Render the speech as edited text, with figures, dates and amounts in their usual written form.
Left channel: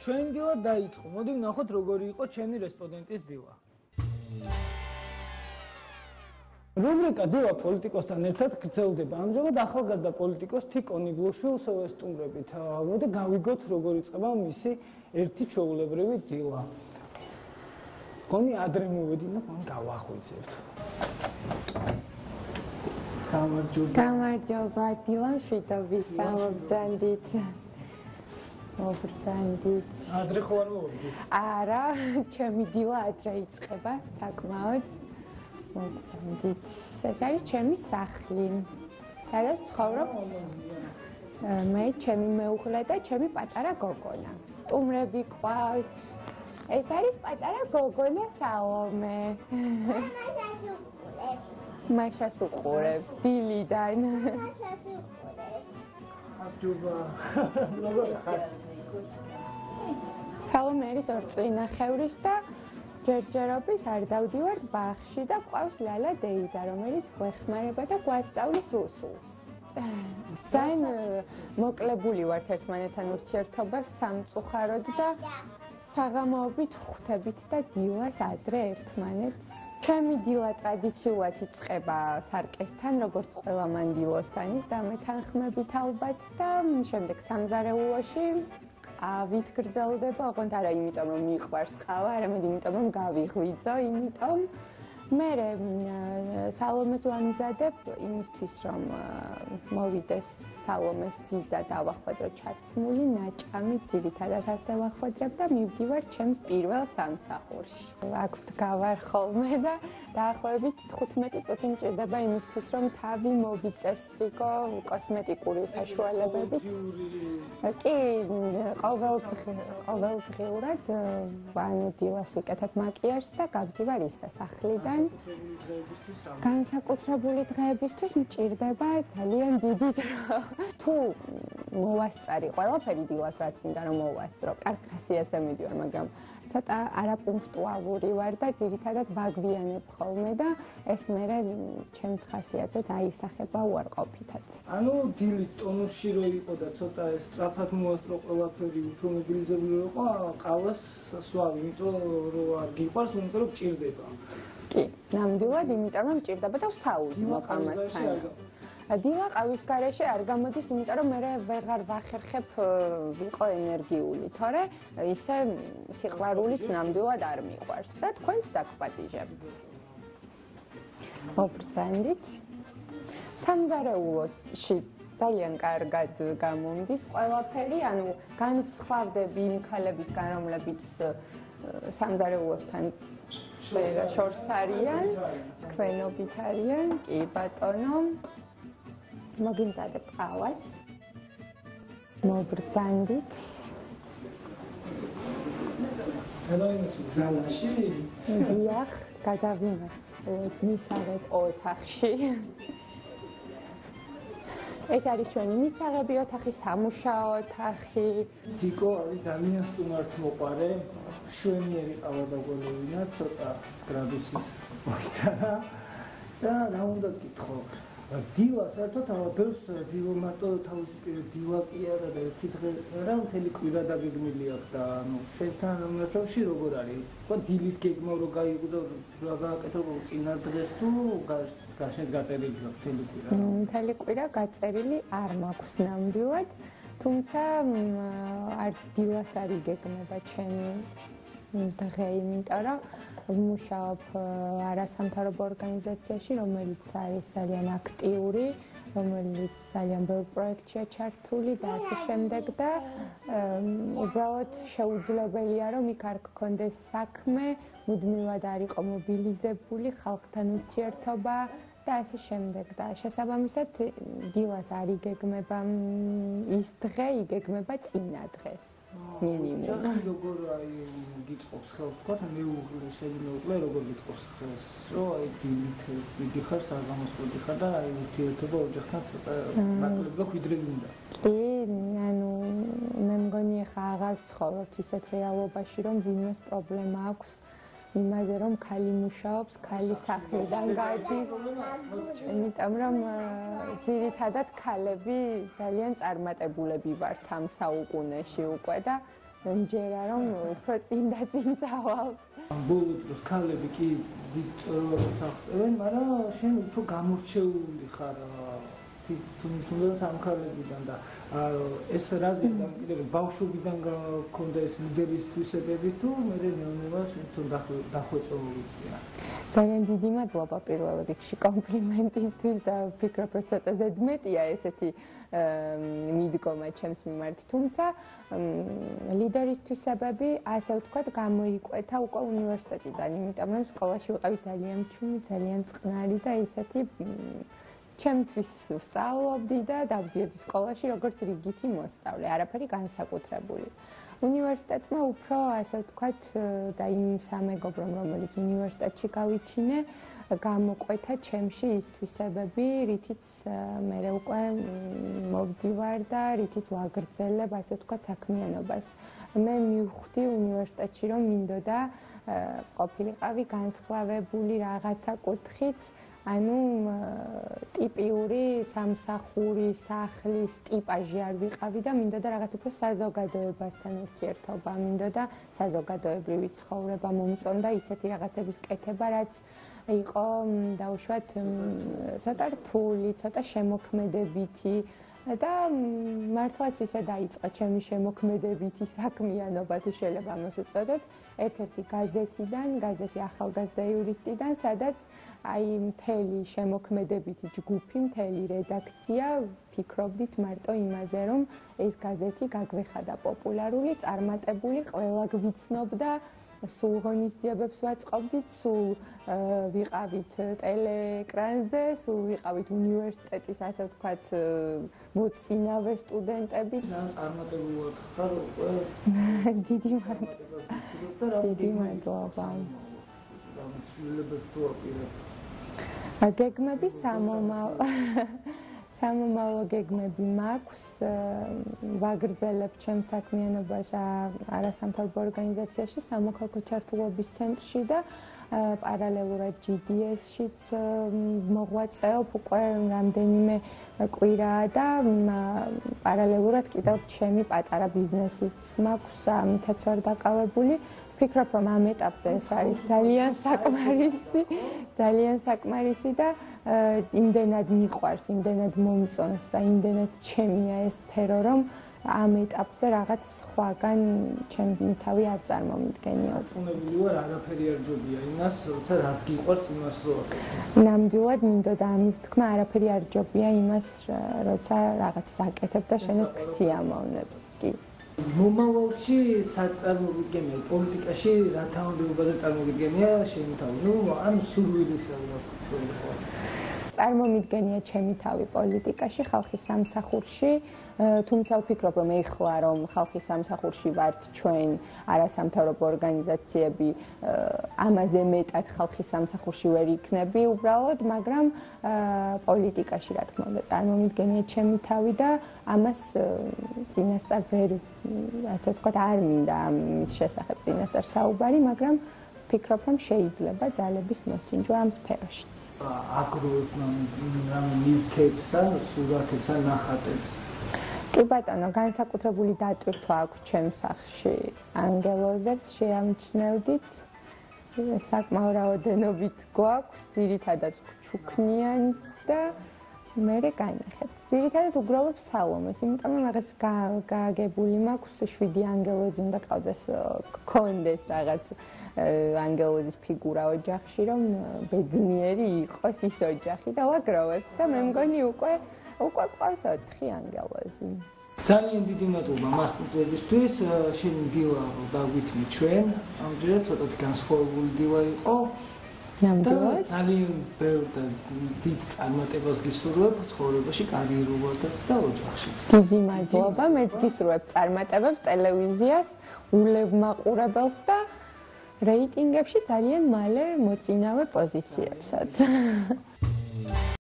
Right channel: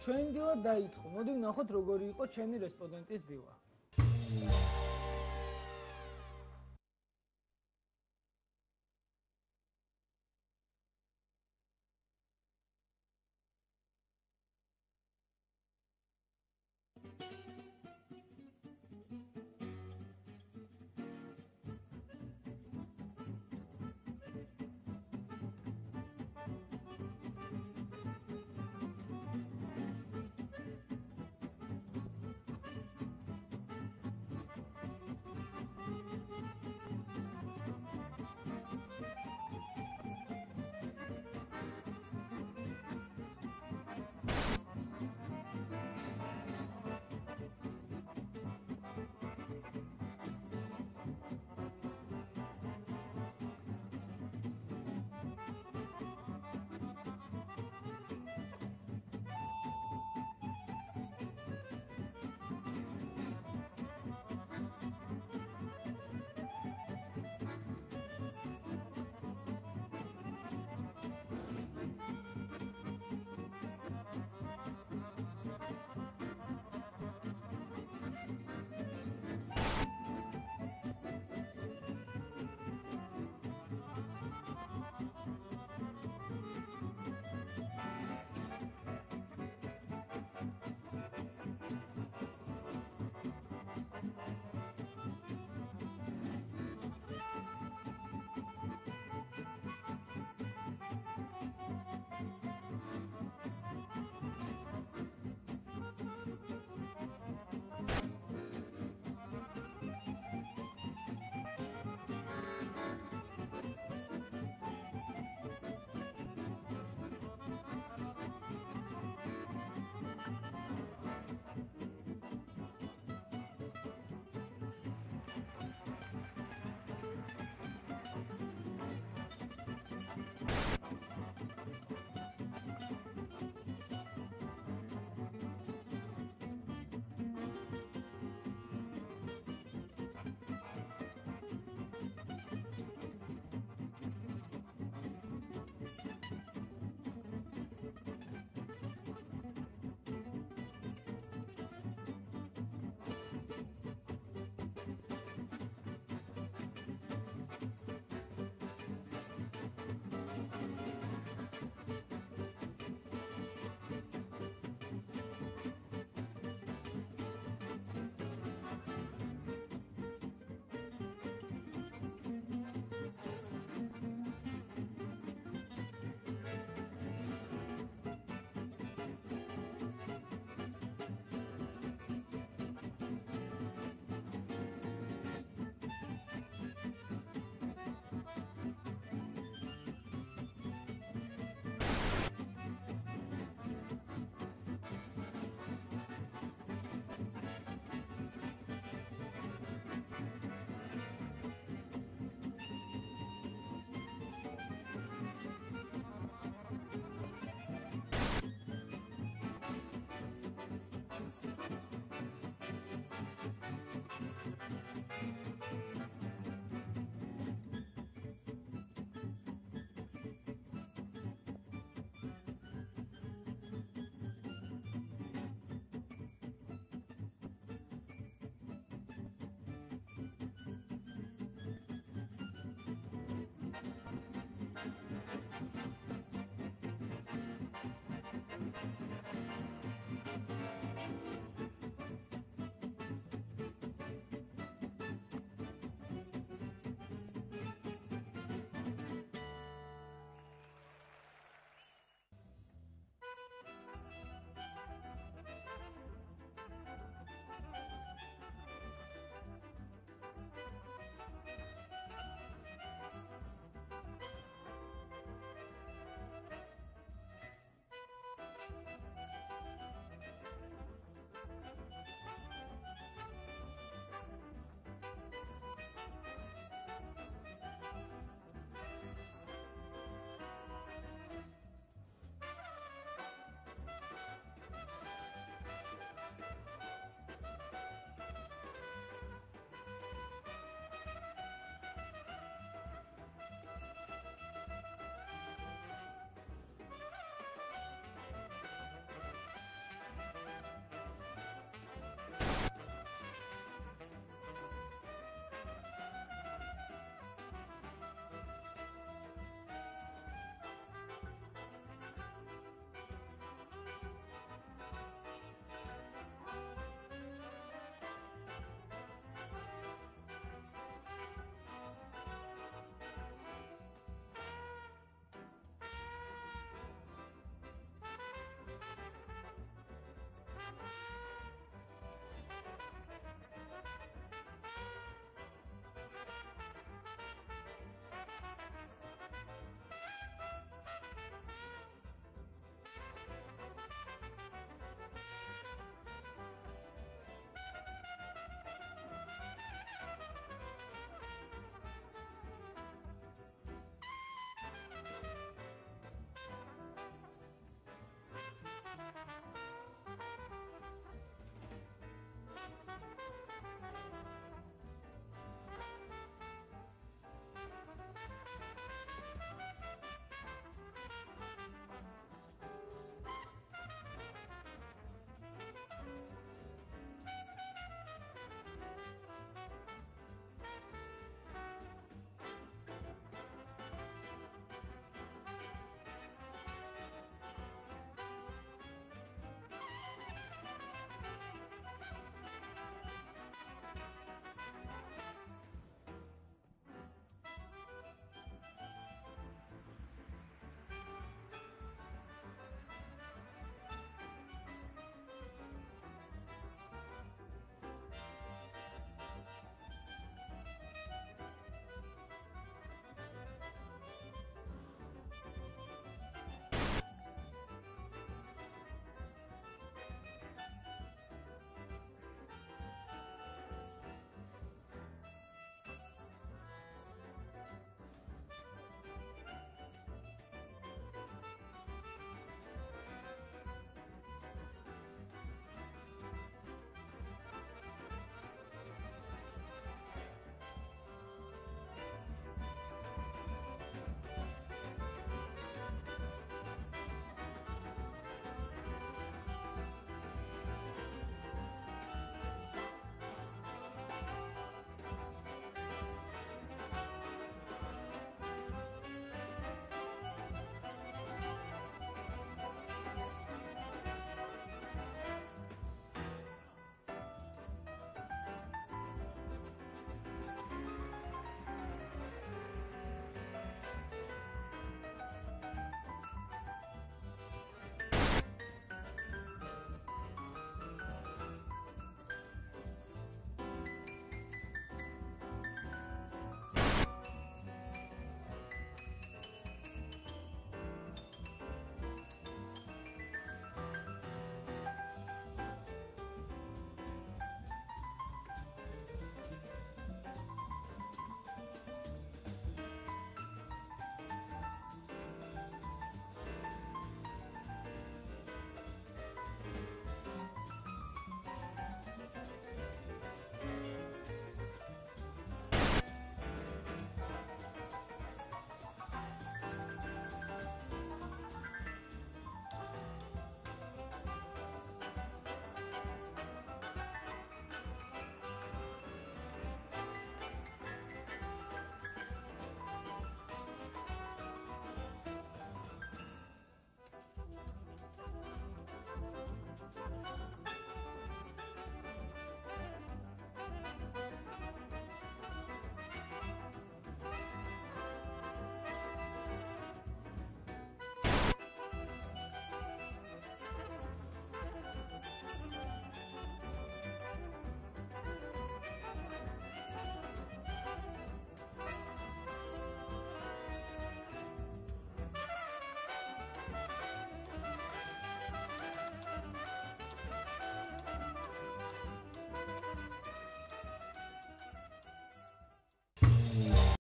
ჩვენ დილა დაიწყო. მოდი ვნახოთ როგორი იყო ჩემი რესპონდენტის დილა. რუბრიკა დილა პოლიტიკოსთან ერთად გრძელდება. ამჟამად ახალგაზრდა პოლიტიკოს თიკონ იბლუშვილს ვესტუმრებით. მოდი გავიგოთ როგორ იწყება მისი ერთი ჩვეულებრივი დილა. კონი ადრე მოვედი და მან გავახვიძებთ. გამარჯობა დილა შვიდობის სამბრძანდით. მოგრძანდით. ადრე ხო არ მოვედი? არა, ჩემი დილა ადრე იწყება საკმაოდ. მოგრძანდით. ეს არის ჩემი სახლი. სადაც ცხოვრობ მე, ჩემი მეუღლე და ჩემი პატარა გოგონა. სტუმრები ყავს. ეს არის პატარა გოგონა სალომე. მაშას უყურებს დილიდან. აბჯობა. როგორ ხარ? სალომე არის 2 წლინახევრის და ჯერჯერობით არ დავდივარ ბაღში და ყავს ლალა დეიდა, რომელიც გვეხმარება და გვასწავლის რუსულს. ძალიან მოკლებული ვართ ერთმანეთთან ურთიერთობას სამწუხაროდ და საღამოობით ხვდებით და დილას ადრე ერთმანეთს. ჩემი დილა ტრადიციულად იწყება სარკესთან, როგორც ყველა მანდილოსანის და მეთანხმებით ალბათ და შემდეგ სამზარეულოში ყავით გრძელდება, ოღონდ არა იმიტომ რომ მიყვარს ყავა, არამედ იმიტომ რომ გავიღვიძო, იმიტომ მერე სალომეს ვამზადებ იმისთვის რომ მოვიდეს სალომეს ძიძა დავახვედრო ჩაცმული ნაჭამი ძირითადად ასე ვახვედრებ და მივდივარ ჩემს პირველ სამსახურში. აქ ვდგავარ ხოლმე და დაახლოებით 15 წუთი მჭირდება იმისთვის რომ თავი მოვიწესრიგო კოსმეტიკური საშუალებებით. კი, ყოველდღიურად ანუ დილას ვიკეთებ მაკიაჟს და გავდივარ ისე სახლიდან. განსაკუთრებული დღეებისთვის მჭირდება ძალიან დიდი დრო. თუ მოვასწარი ყველაფერი დილას რაც მინდა რომ მოვასწრო, კარგი ხასიათზე მიდივარ, მაგრამ ცოტა არაპუნქტუალური ვარ და ძირითადად ვაგვიანებ ხოლმე და ეს მერე ჩემს ხასიათზეც აისახება უარყოფითად. ანუ დილით ტონუსში რო იყო და ცოტა ეს სწრაფად მოვასწრო ყველაფერი, უფრო მობილიზებული რო იყო, ყავას სვავ, იმიტომ რომ არ გიყვარს, იმიტომ რომ ჭირდება. კი, ნამდვილად, იმიტომ რომ ჭირდება და ვსაუზმო ამასთან. დილა ყავის გარეშე არ გამოდის, იმიტომ რომ მე ვეღარ ვახერხებ ვიყო ენერგიული, თორე ისე სიყვარულით ნამდვილად არ მიყვარს და თქვენს დაგპატიჟებთ. მოგრძანდით. სამზარეულოში ძალიან კარგად გამომდის ყველაფერი, ანუ განვსხვავდები იმ ქალებისგან, რომლებიც სამზარეულოსთან შორს არიან, თქვენობით არიან, კი ბატონო. მოგიმზადებ ყავას. მოგრძანდით. გადავიმოწმე ძალაში. დიახ, გადავიმოწმე მისაღებ ოთახში. ეს არის ჩვენი მისაღები ოთახი, სამუშაო ოთახი. თიკო არის ძალიან სტუმართ მოყარე, შვენიერი ყავა დაგველოვინა, ცოტა გრადუსის მოიტანა და რა უნდა გითხო. დილა საერთოდ ამბობს დილო მარტო თავისუფლად დილა კი არა და ერთი დღე რა მთელი კვირა დაგეგმილი აქვს და ანუ შეთან ამერტავში როგორ არის? ხო დილით გეგმავ რომ გაიგო რა გააკეთო წინა დღეს თუ გაშენს გაწერილი მთელი კვირა? მთელი კვირა გაწერილი არ მაქვს ნამდვილად, თუმცა არც დილას არ იგეგმება ჩემი დღე, იმიტომ რომ ვმუშაობ არასამთავრობო ორგანიზაციაში, რომელიც არის ძალიან აქტიური, რომელიც ძალიან ბევრ პროექტშია ჩართული და ასე შემდეგ და უბრალოდ შეუძლებელია რომ იქ არ გქონდეს საქმე, მუდმივად არ იყო მობილიზებული ხალხთან ურთიერთობა და ასე შემდეგ და შესაბამისად დილას არ იგეგმება ის დღე, იგეგმება წინა დღეს მინიმუმ. როგორ აი გიწყობს ხელს თქვა მეუღლე შემიძლია როგორ გიწყობს ხელს რომ აი დილით მიდიხარ საღამოს მიდიხარ და აი ურთიერთობა ოჯახთან ცოტა მარტო ხვიდრი მინდა. კი, ანუ მე მგონი ახლა აღარ ცხოვრობ ისეთ რეალობაში რომ ვინმეს პრობლემა აქვს იმაზე რომ ქალი მუშაობს, ქალი სახლიდან გადის. იმიტომ რომ ძირითადად ქალები ძალიან წარმატებულები ვართ ამ საუკუნეში უკვე და მომჯერა რომ უფრო წინ და წინ წავალ. ბოლო დროს ქალები კი ვიწროს აღწერენ, მაგრამ შენ უფრო გამორჩეული ხარ თუნდაც ამ ქალებიდან და ეს რაზე კიდევ ბავშვობიდან გქონდა ეს ლიდერის თვისებები თუ მე ნეონებას თუნ დახვეწო უწია. ძალიან დიდი მადლობა პირველ რიგში კომპლიმენტისთვის და ვფიქრობ რომ ცოტა ზედმეტია ესეთი მიდგომა ჩემს მიმართ, თუმცა ლიდერის თვისებები ასე ვთქვათ გამოიკვეთა უკვე უნივერსიტეტიდან, იმიტომ რომ სკოლაში ვიყავი ძალიან ჩუმი, ძალიან წყნარი და ესეთი ჩემთვის ვსწავლობდი და დავდიოდი სკოლაში როგორც რიგითი მოსწავლე, არაფერი განსაკუთრებული. უნივერსიტეტმა უფრო ასე ვთქვათ და იმ სამეგობრომ რომელიც უნივერსიტეტში გავიჩინე გამოკვეთა ჩემში ის თვისებები, რითიც მე უკვე მოვდივარ და რითიც ვაგრძელებ ასე ვთქვათ საქმიანობას. მე მივხვდი უნივერსიტეტში რომ მინდოდა ყოფილიყავი განსხვავებული რაღაცა კუთხით, ანუ ტიპიური სამსახური, სახლის ტიპაჟი არ ვიყავი და მინდოდა რაღაც უფრო საზოგადოებასთან ურთიერთობა, მინდოდა საზოგადოებრივი ცხოვრება, მომწონდა ისეთი რაღაცების კეთება, რაც იყო დაუშვათ ცოტა რთული, ცოტა შემოქმედებითი და მართლაც ისე დაიწყო ჩემი შემოქმედებითი საქმიანობა, თუ შეიძლება ამას უწოდოთ, ერთ-ერთი გაზეთი ახალგაზრდა იურისტიდან, სადაც აი მთელი შემოქმედებითი ჯგუფი, მთელი რედაქცია ვფიქრობდით მარტო იმაზე, რომ ეს გაზეთი გაგვეხადა პოპულარული, წარმატებული, ყველა გვიცნობდა, სულ ღონისძიებებს ვაწყობდით, სულ ვიყავით ტელეეკრანზე, სულ ვიყავით უნივერსიტეტის, ასე ვთქვათ, მოცინავე სტუდენტები. წარმატებულად ხარ უკვე. დიდი მადლობა. ცვლილებებს თუ აპირებ. გეგმები სამომავლო გეგმები მაქვს, ვაგრძელებ ჩემს საქმიანობას არასამთავრობო ორგანიზაციაში, სამოქალაქო ჩართულობის ცენტრში და პარალელურად GDS-შიც მოღვაწეობ უკვე რამდენიმე კვირა და პარალელურად კიდევ ჩემი პატარა ბიზნესიც მაქვს, ამითაც ვარ დაკავებული. ვფიქრობ, რომ ამ ეტაპზე ეს არის ძალიან საკმარისი და იმდენად მიყვარს, იმდენად მომწონს და იმდენად ჩემია ეს სფერო, რომ ამ ეტაპზე რაღაც სხვაგან ჩემი თავი არ წარმომიდგენია. წუნებული ვარ, არაფერი არ ჯობია იმას, როცა რაც გიყვარს იმას რო აკეთებ. ნამდვილად მინდოდა ამის თქმა, არაფერი არ ჯობია იმას, როცა რაღაცას აკეთებ და შენს სიამოვნებს. კი. მომავალში სად წარმოგიდგენია პოლიტიკაში, რა თანამდებობაზე წარმოგიდგენია შენი თავი? ნუ ან სურვილისა ვიყო. წარმომიდგენია ჩემი თავი პოლიტიკაში, ხალხის სამსახურში, თუმცა ვფიქრობ, რომ ეხლა რომ ხალხის სამსახურში ვართ ჩვენ არასამთავრობო ორგანიზაციები, ამაზე მეტად ხალხის სამსახურში ვერ იქნები უბრალოდ, მაგრამ პოლიტიკაში რა თქმა უნდა წარმომიდგენია ჩემი თავი და ამას წინასწარ ვერ ასე ვთქვათ არ მინდა ამის შესახებ წინასწარ საუბარი, მაგრამ ვფიქრობ, რომ შეიძლება ძალების მოსინჯვა ამ სფეროშიც. აგროვებ ნივთებს, სურათებს, ნახატებს. კი ბატონო, განსაკუთრებული დატვირთვა აქვს ჩემს სახლში ანგელოზებს შეამჩნევდით. საკმაო რაოდენობით გვაქვს, ძირითადად ჩუქნიან და მერე განიხეთ. ძირითადად უგროვებ სალომეს, იმიტომ რომ რაღაც გააგებული მაქვს 7 ანგელოზი უნდა ყავდეს, გქონდეს რაღაც ანგელოზის ფიგურა ოჯახში, რომ ბედნიერი იყოს ის ოჯახი და ვაგროვებ და მე მგონი უკვე ყავს 4 ანგელოზი. ძალიან დიდი მადლობა მასპინძლებისთვის, შენი დილა დავვითმი ჩვენ, ამჯერად ცოტათი განსხვავებული დილა იყო. ნამდვილად ძალიან ბევრ და დიდ წარმატებას გისურვებ ცხოვრებაში, კარიერულადაც და ოჯახშიც. დიდი მადლობა, მეც გისურვებ წარმატებებს ტელევიზიას, ულევმაყურებელს და რეიტინგებში ძალიან მალე მოწინავე პოზიციებსაც.